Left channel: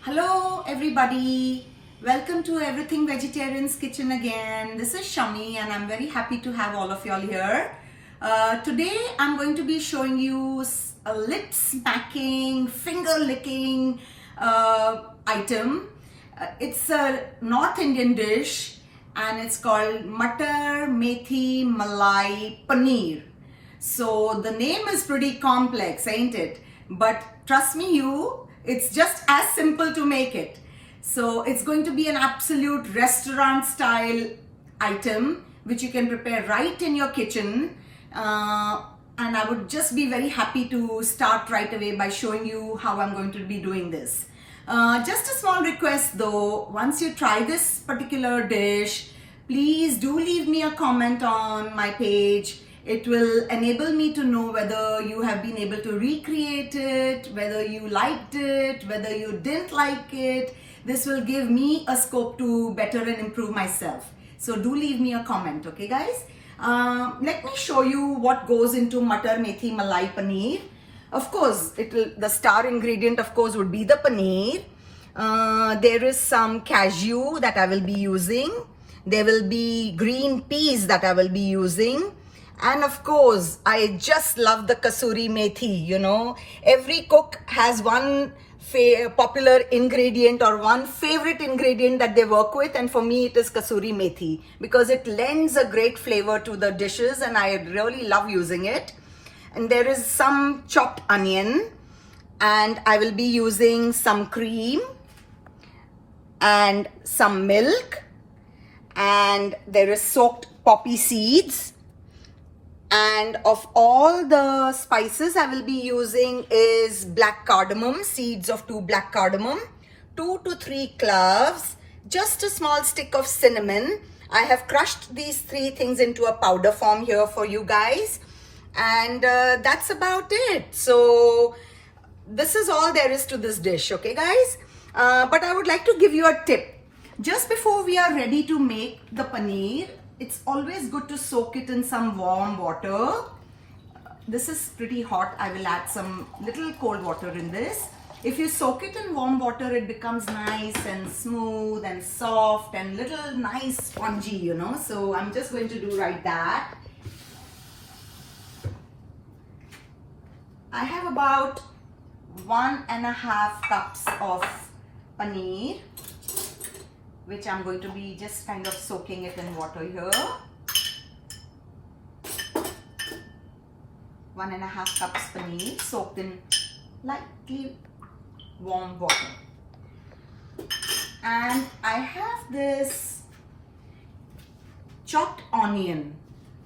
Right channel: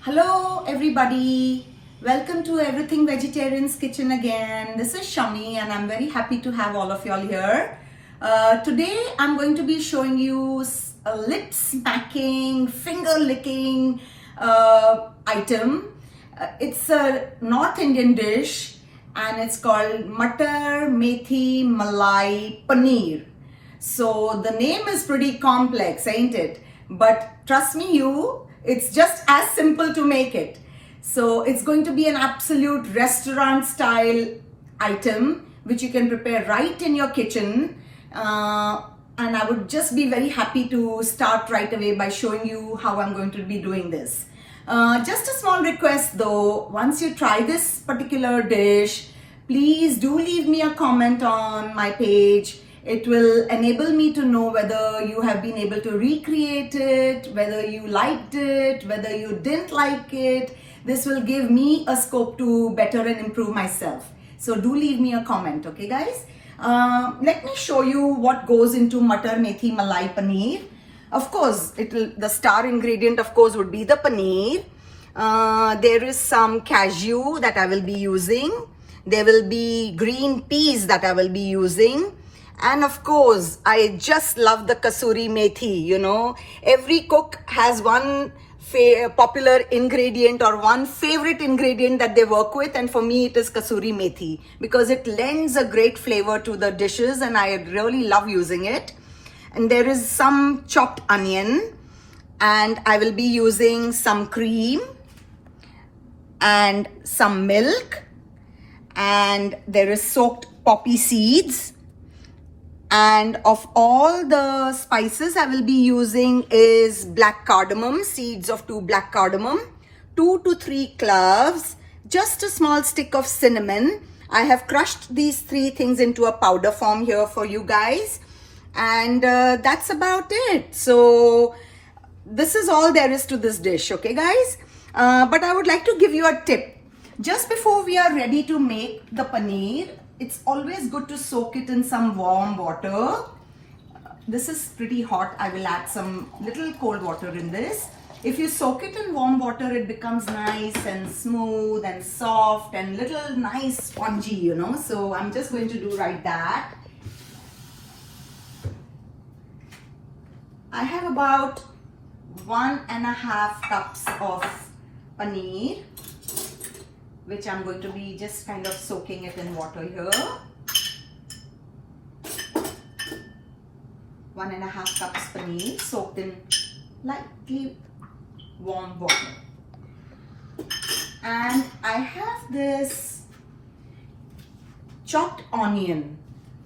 Hello everybody, welcome to Everything Vegetarian's Kitchen again. This is Shami and I'm very happy to have all of y'all here. Today I'm going to be showing you a lip smacking, finger licking item. It's a North Indian dish and it's called Mutter, Methi, Malai, Paneer. So the name is pretty complex, ain't it? But trust me it's just as simple to make it. So it's going to be an absolute restaurant style item which you can prepare right in your kitchen. And I would just be very happy to start right away by showing you how I'm going to be doing this. Just a small request though, once you try this particular dish, please do leave me a comment on my page. It will enable me to know whether you have been able to recreate it, whether you liked it, whether you didn't like it. This will give me a scope to better and improve myself. So do leave me a comment, okay guys? Let me show you what goes into Mutter, Methi, Malai, Paneer. Of course, the star ingredient of course would be the paneer. There is some cashew that I will be using. There will be green peas that I will be using. And of course, I just love the Kasuri Methi, you know. Every cook has one popular ingredient or one favorite ingredient that they work with, and for me it is Kasuri Methi because it lends a great flavor to the dishes and I really love using it. And there is some chopped onion and I will be using some cream and some milk, and there is soaked poppy seeds. And of all the spices I will be using is black cardamom, seeds of 2 black cardamom, 2 to 3 cloves, just a small stick of cinnamon. I have crushed these 3 things into a powder form here for you guys. And that's about it. So this is all there is to this dish, okay guys? But I would like to give you a tip. Just before we are ready to make the paneer, it's always good to soak it in some warm water. This is pretty hot. I will add some little cold water in this. If you soak it in warm water, it becomes nice and smooth and soft and little nice spongy, you know. So I'm just going to do right that. I have about 1.5 cups of paneer, which I'm going to be just kind of soaking it in water here. 1.5 cups paneer soaked in lightly warm water. And I have this chopped onion,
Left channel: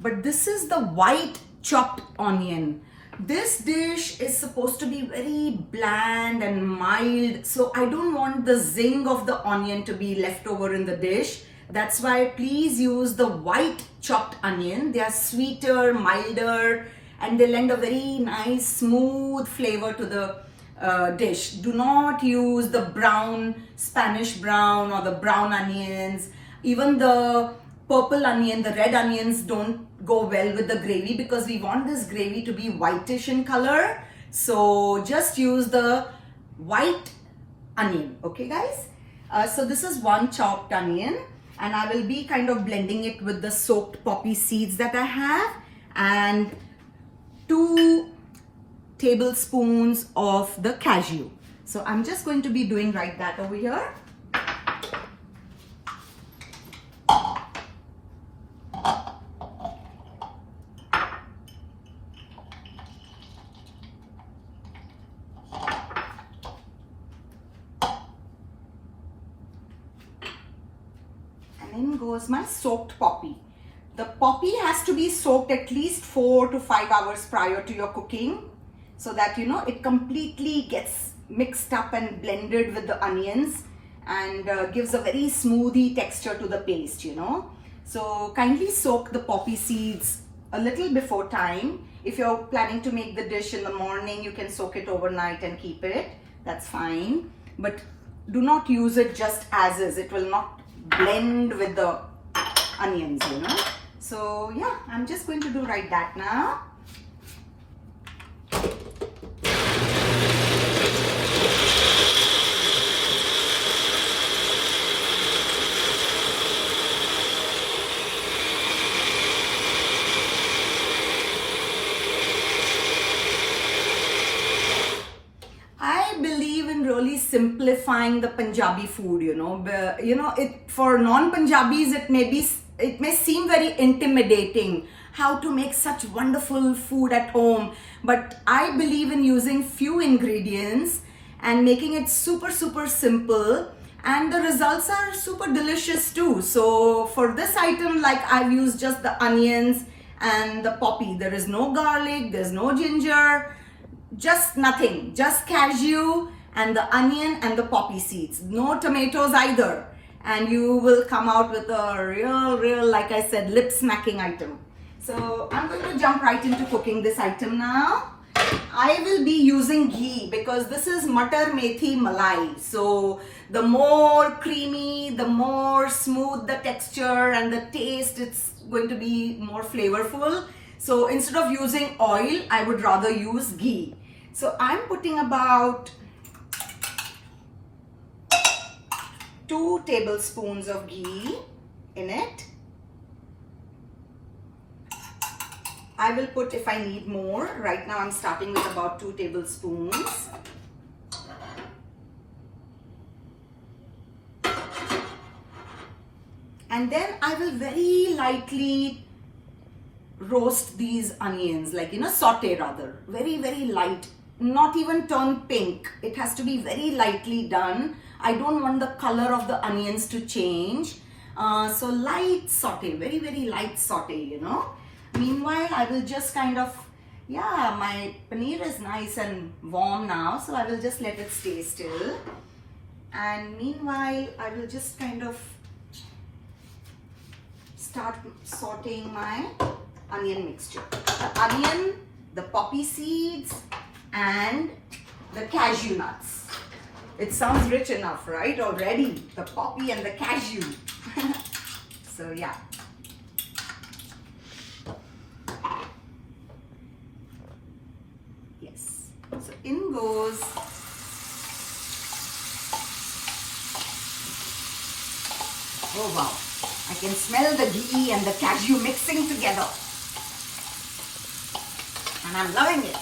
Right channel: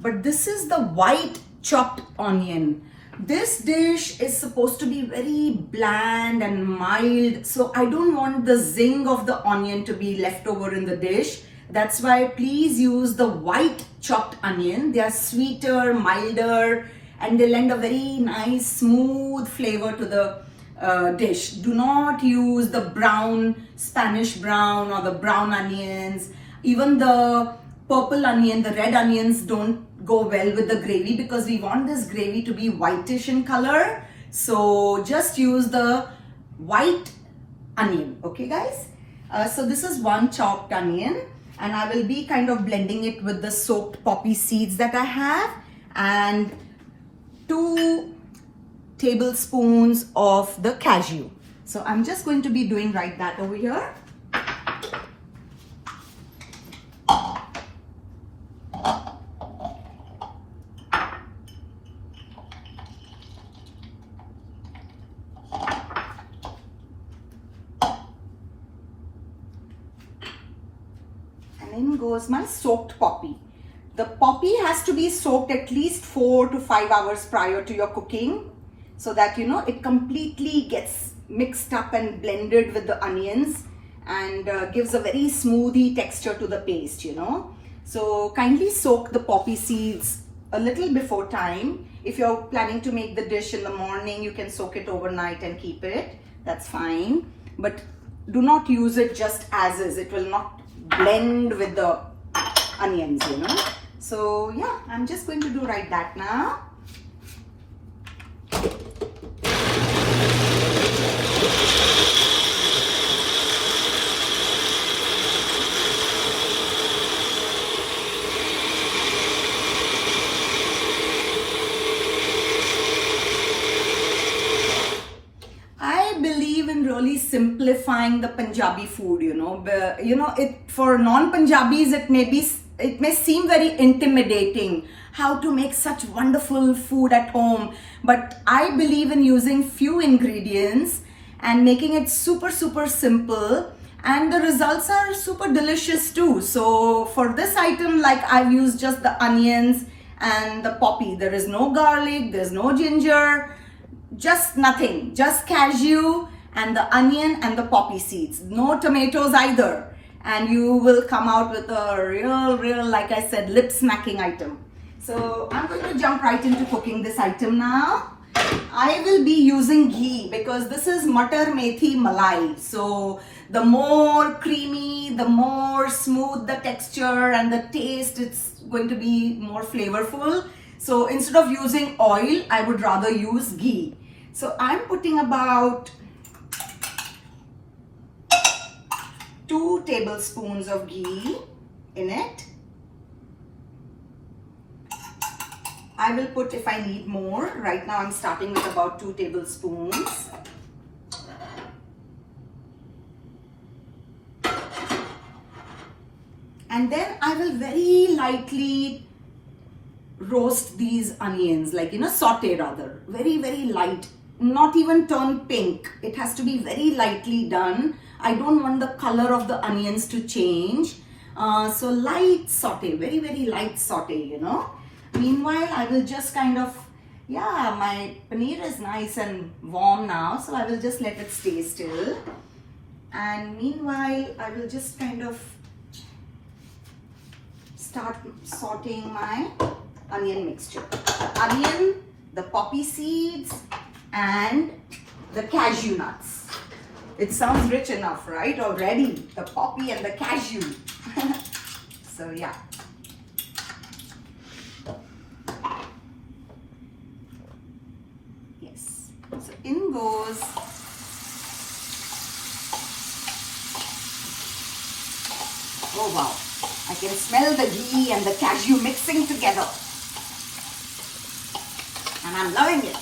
but this is the white chopped onion. This dish is supposed to be very bland and mild, so I don't want the zing of the onion to be left over in the dish. That's why please use the white chopped onion. They are sweeter, milder, and they lend a very nice smooth flavor to the dish. Do not use the brown, Spanish brown or the brown onions. Even the purple onion, the red onions don't go well with the gravy because we want this gravy to be whitish in color. So just use the white onion, okay guys? So this is 1 chopped onion and I will be kind of blending it with the soaked poppy seeds that I have, and 2 tablespoons of the cashew. So I'm just going to be doing right that over here. In goes my soaked poppy. The poppy has to be soaked at least 4 to 5 hours prior to your cooking so that you know it completely gets mixed up and blended with the onions and gives a very smoothie texture to the paste, you know. So kindly soak the poppy seeds a little before time. If you're planning to make the dish in the morning, you can soak it overnight and keep it. That's fine. But do not use it just as is. It will not blend with the onions, you know. So yeah, I'm just going to do right that now. believe in really simplifying the Punjabi food, for non-Punjabis, it may seem very intimidating how to make such wonderful food at home. But I believe in using few ingredients and making it super, super simple. And the results are super delicious too. So for this item, like I've used just the onions and the poppy. There is no garlic, there's no ginger, just nothing, just cashew and the onion and the poppy seeds. No tomatoes either. And you will come out with a real, like I said, lip smacking item. So I'm going to jump right into cooking this item now. I will be using ghee because this is Mutter Methi Malai. So the more creamy, the more smooth the texture and the taste, it's going to be more flavorful. So instead of using oil, I would rather use ghee. So I'm putting about 2 tablespoons of ghee in it. I will put if I need more. Right now I'm starting with about 2 tablespoons. And then I will very lightly roast these onions, like, saute rather. Very, very light. Not even turn pink. It has to be very lightly done. I don't want the color of the onions to change. So light saute, very, very light saute, Meanwhile, I will just kind of, my paneer is nice and warm now. So I will just let it stay still. And meanwhile, I will just kind of start sauteing my onion mixture. The onion, the poppy seeds, and the cashew nuts. It sounds rich enough, right? Already, the poppy and the cashew. So yeah. Yes. So in goes oh wow. I can smell the ghee and the cashew mixing together. And I'm loving it.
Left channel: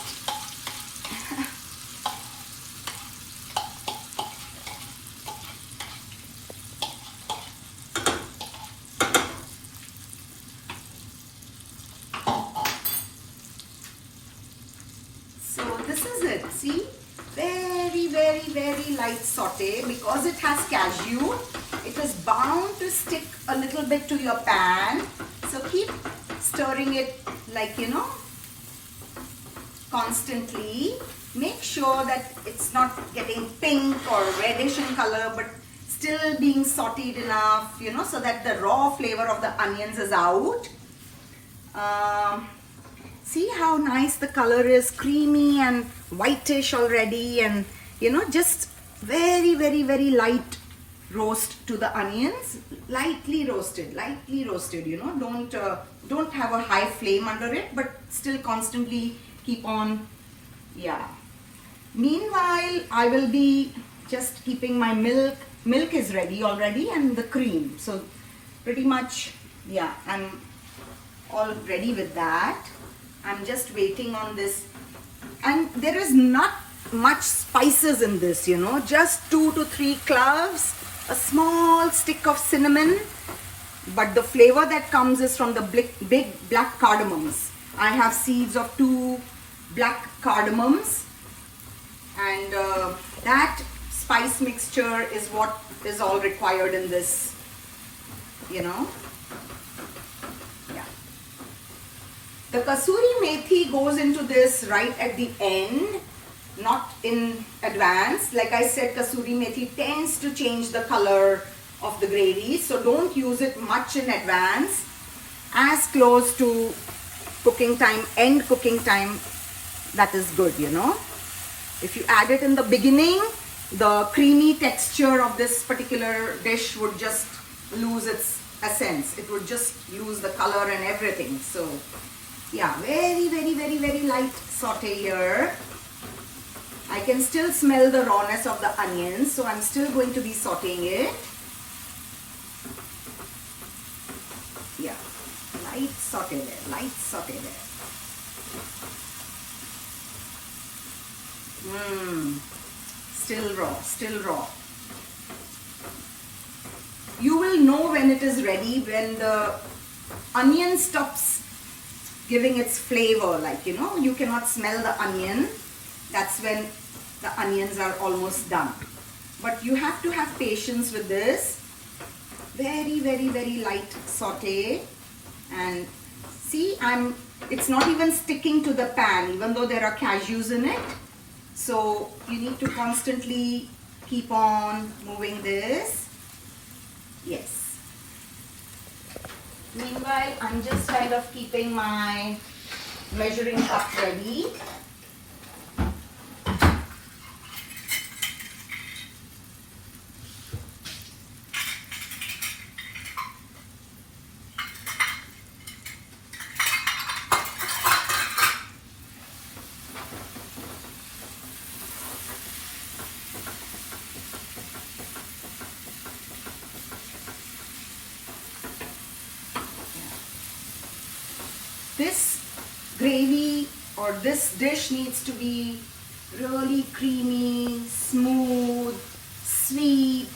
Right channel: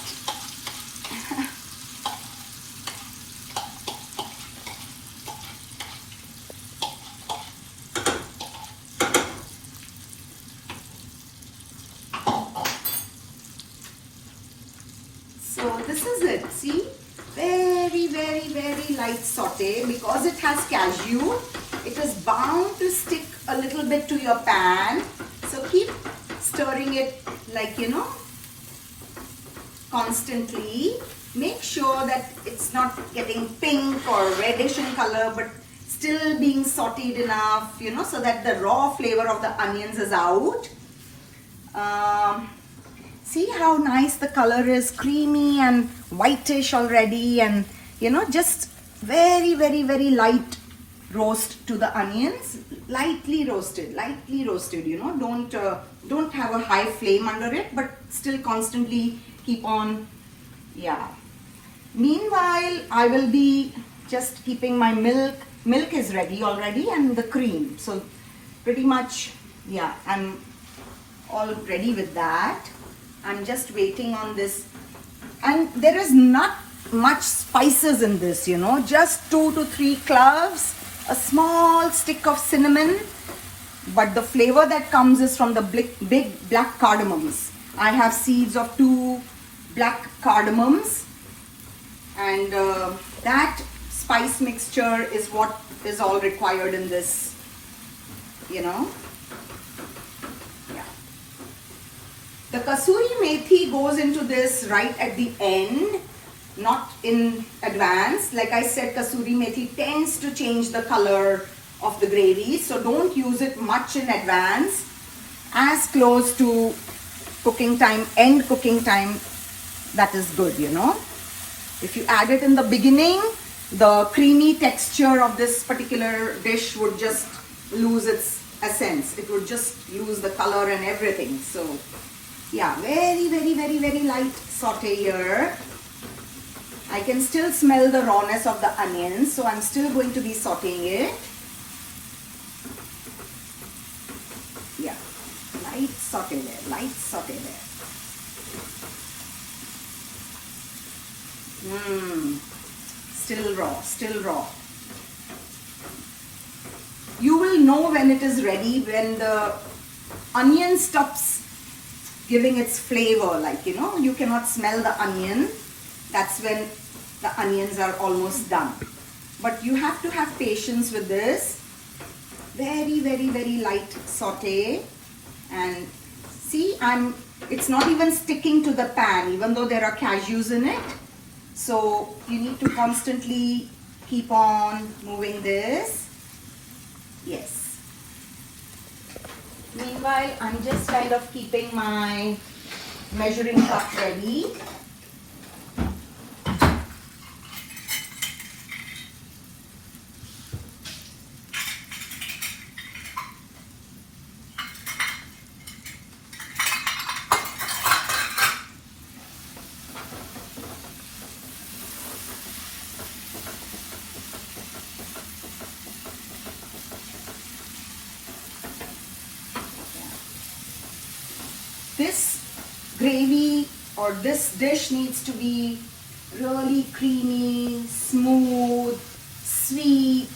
So this is it. See? Very, very, very light saute. Because it has cashew, it is bound to stick a little bit to your pan. So keep stirring it like, constantly. Make sure that it's not getting pink or reddish in color, but still being sauteed enough, so that the raw flavor of the onions is out. See how nice the color is, creamy and whitish already, and just very, very, very light roast to the onions. Lightly roasted, don't have a high flame under it, but still constantly keep on. Meanwhile, I will be just keeping my milk is ready already, and the cream. So pretty much, I'm all ready with that. I'm just waiting on this, and there is not much spices in this, just 2 to 3 cloves, a small stick of cinnamon, but the flavor that comes is from the big black cardamoms. I have seeds of 2 black cardamoms, and that spice mixture is what is all required in this, The Kasuri Methi goes into this right at the end, not in advance. Like I said, Kasuri Methi tends to change the color of the gravy, so don't use it much in advance. As close to cooking time, end cooking time, that is good, If you add it in the beginning, the creamy texture of this particular dish would just lose its essence. It would just lose the color and everything. So very, very, very, very light saute here. I can still smell the rawness of the onions, so I'm still going to be sauteing it. Light saute there, light saute there. still raw, still raw. You will know when it is ready when the onion stops giving its flavor, like, you know, you cannot smell the onion. That's when the onions are almost done. But you have to have patience with this. Very, very, very light saute. And see, it's not even sticking to the pan, even though there are cashews in it. So you need to constantly keep on moving this. Yes. Meanwhile, I'm just kind of keeping my measuring cup ready. This gravy or this dish needs to be really creamy, smooth, sweet,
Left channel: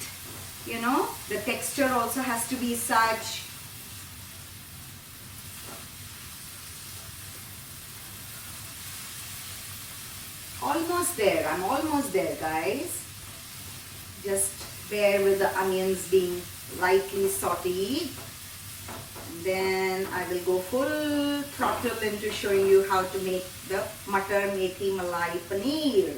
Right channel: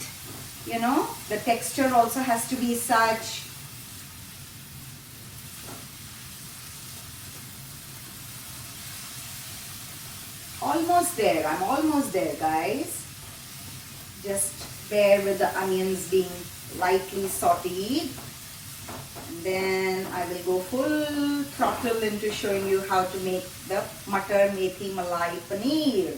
you know. The texture also has to be such. Almost there, I'm almost there, guys. Just bear with the onions being lightly sauteed. Then I will go full throttle into showing you how to make the Mutter Methi Malai Paneer.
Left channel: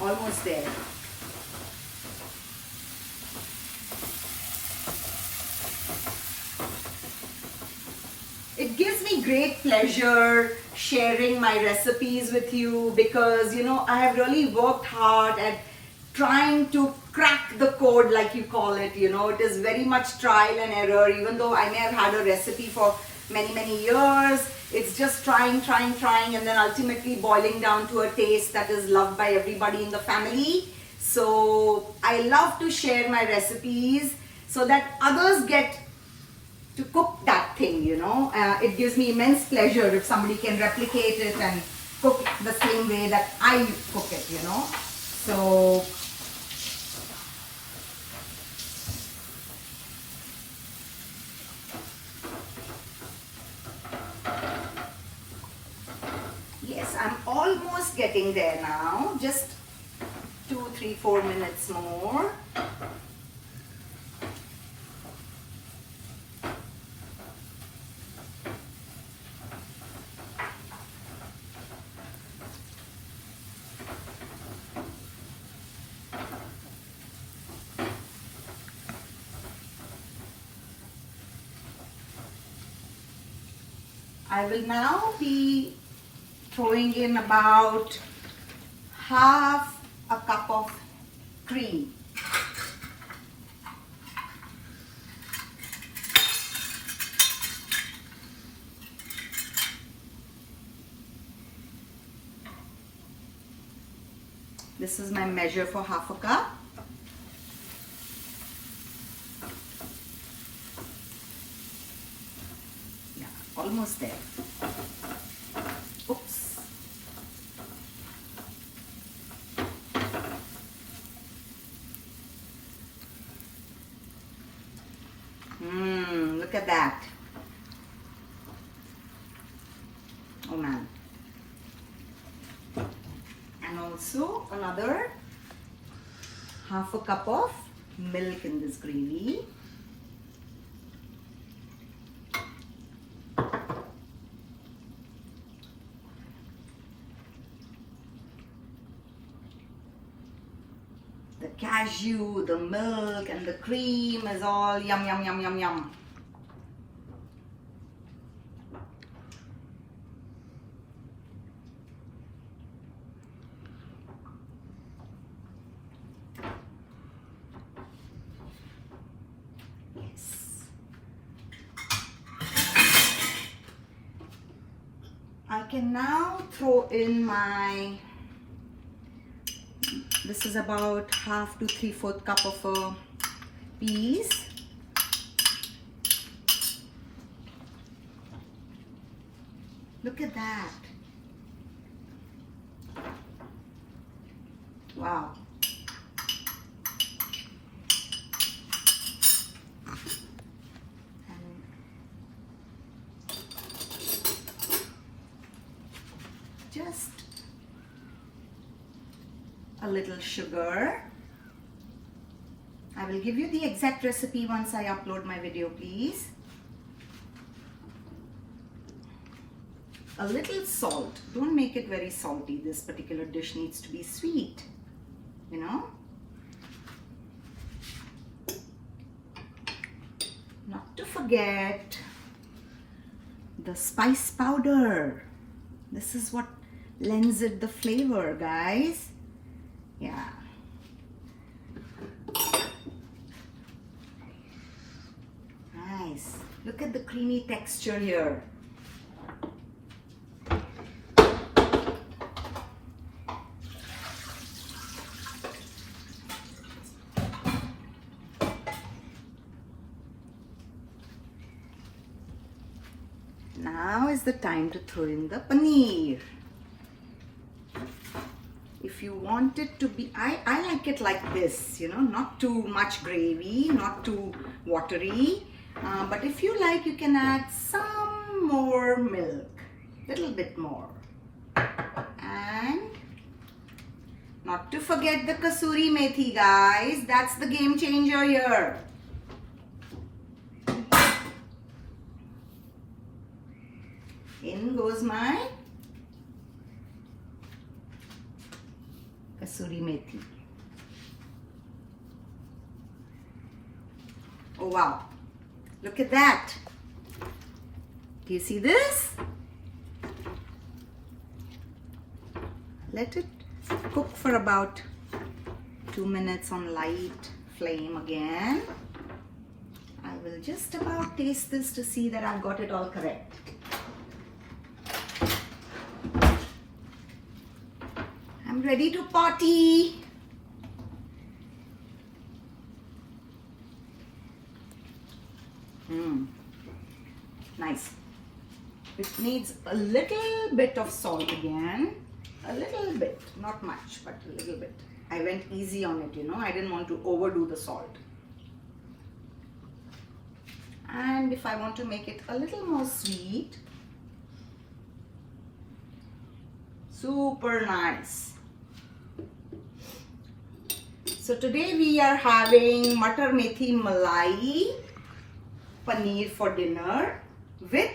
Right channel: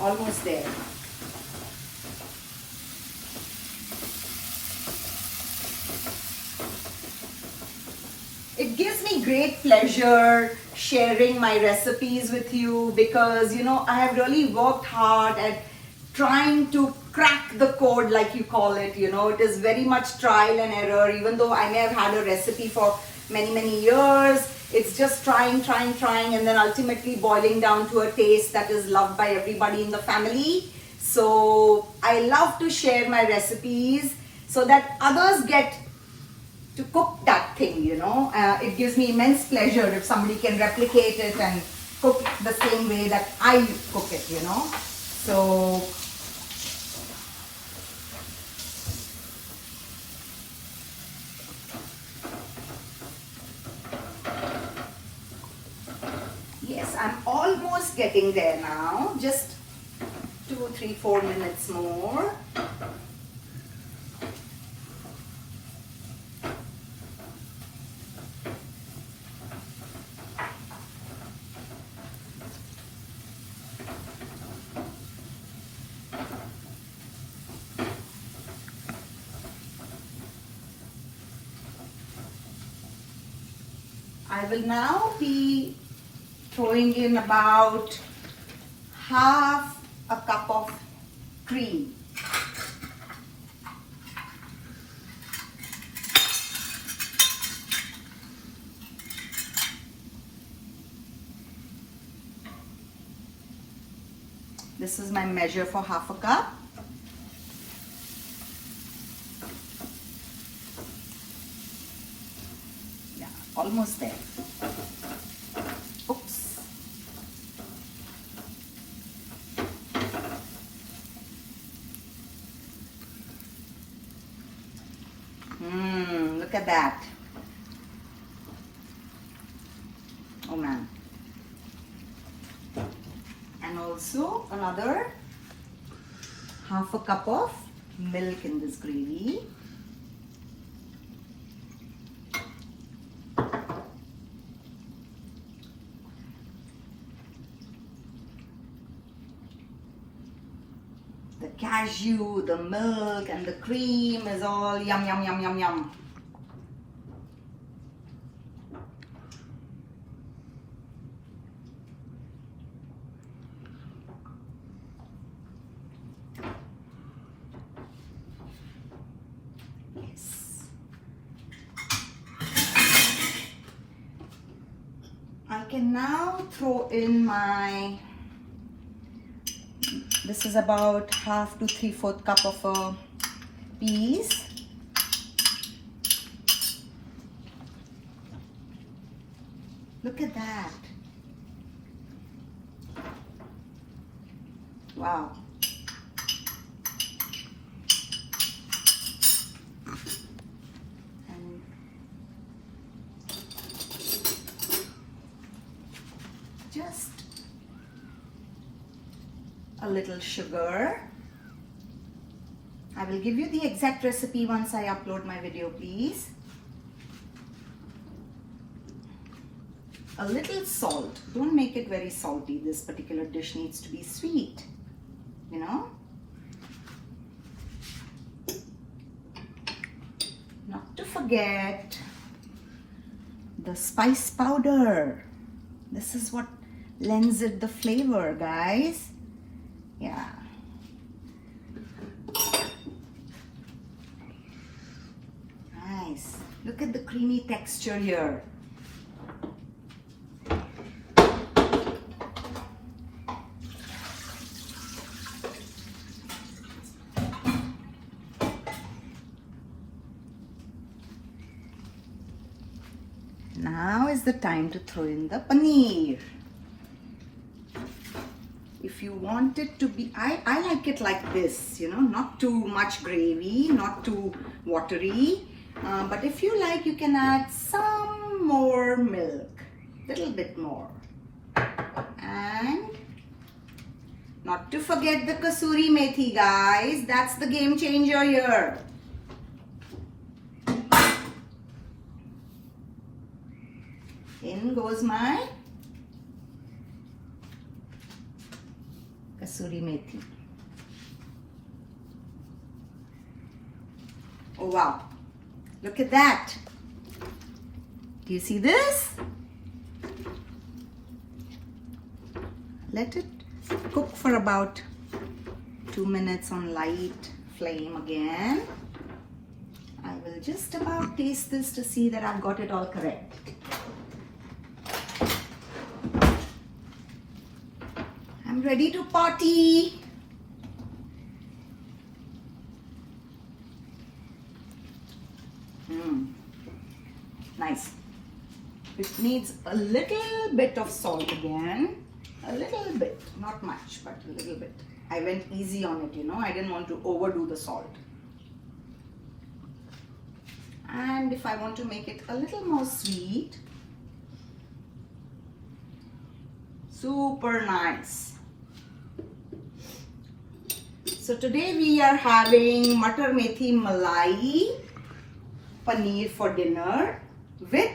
Almost there. It gives me great pleasure sharing my recipes with you because, you know, I have really worked hard at trying to crack the code, like you call it. You know, it is very much trial and error. Even though I may have had a recipe for many, many years, it's just trying, and then ultimately boiling down to a taste that is loved by everybody in the family. So I love to share my recipes so that others get to cook that thing, you know. It gives me immense pleasure if somebody can replicate it and cook the same way that I cook it, you know. So yes, I'm almost getting there now. Just 2, 3, 4 minutes more. I will now be throwing in about half a cup of cream. This is my measure for half a cup. Yeah, almost there. Oops. Look at that. Oh man. And also another half a cup of milk in this gravy. The cashew, the milk and the cream is all yum, yum, yum, yum, yum. Yes. I can now throw in this is about half to 3/4 cup of peas. Look at that. Wow. And just a little sugar. I will give you the exact recipe once I upload my video, please. A little salt. Don't make it very salty. This particular dish needs to be sweet, you know. Not to forget the spice powder. This is what lends it the flavor, guys. Yeah. Nice. Look at the creamy texture here. Now is the time to throw in the paneer. If you want it to be, I like it like this, you know, not too much gravy, not too watery. But if you like, you can add some more milk, little bit more. And not to forget the Kasuri Methi, guys. That's the game changer here. In goes my Kasuri Methi. Oh wow, look at that. Do you see this? Let it cook for about 2 minutes on light flame again. I will just about taste this to see that I've got it all correct. I'm ready to party. Nice. It needs a little bit of salt again. A little bit, not much, but a little bit. I went easy on it, you know. I didn't want to overdo the salt. And if I want to make it a little more sweet, super nice. So today we are having Mutter Methi Malai Paneer for dinner with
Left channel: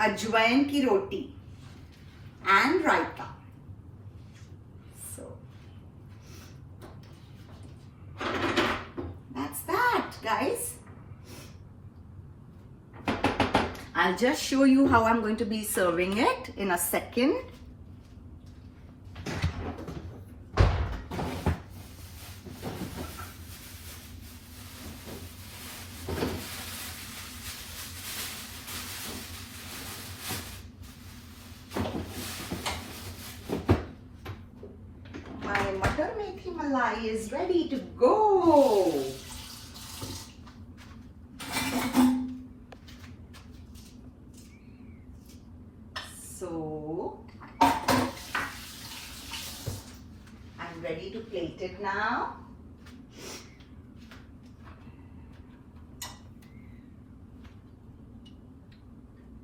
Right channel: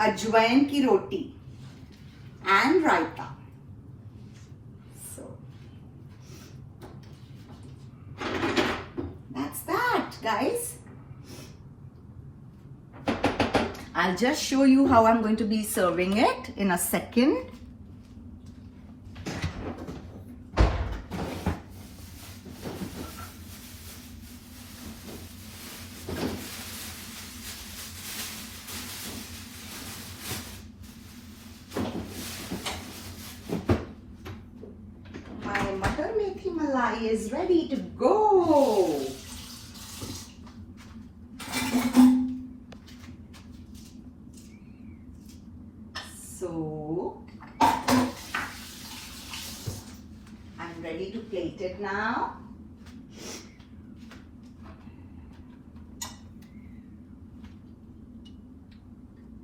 ajwain ki roti and raita. So that's that, guys. I'll just show you how I'm going to be serving it in a second. My Mutter Methi Malai is ready to go. So I'm ready to plate it now.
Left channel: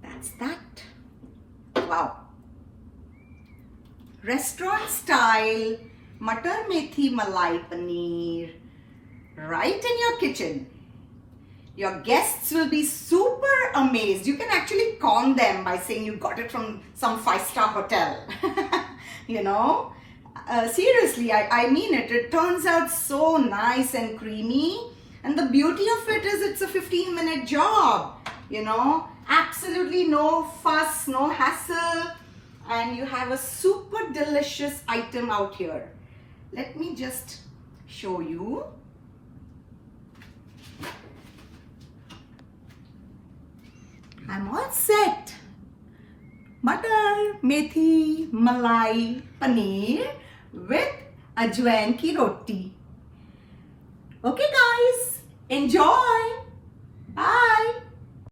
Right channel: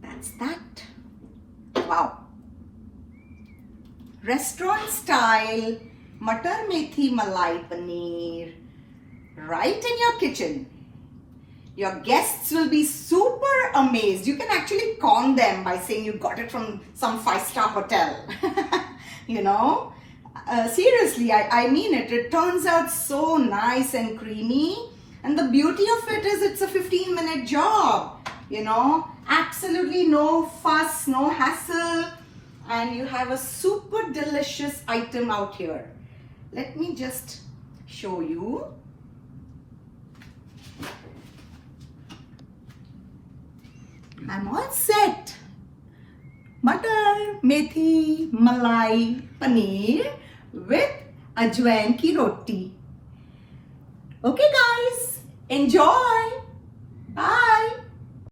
That's that. Wow. Restaurant style Mutter Methi Malai Paneer right in your kitchen. Your guests will be super amazed. You can actually con them by saying you got it from some 5-star hotel. You know, seriously, I mean it. It turns out so nice and creamy. And the beauty of it is it's a 15-minute job. You know, absolutely no fuss, no hassle. And you have a super delicious item out here. Let me just show you. I'm all set. Mutter Methi Malai Paneer with ajwain ki roti. Okay guys, enjoy.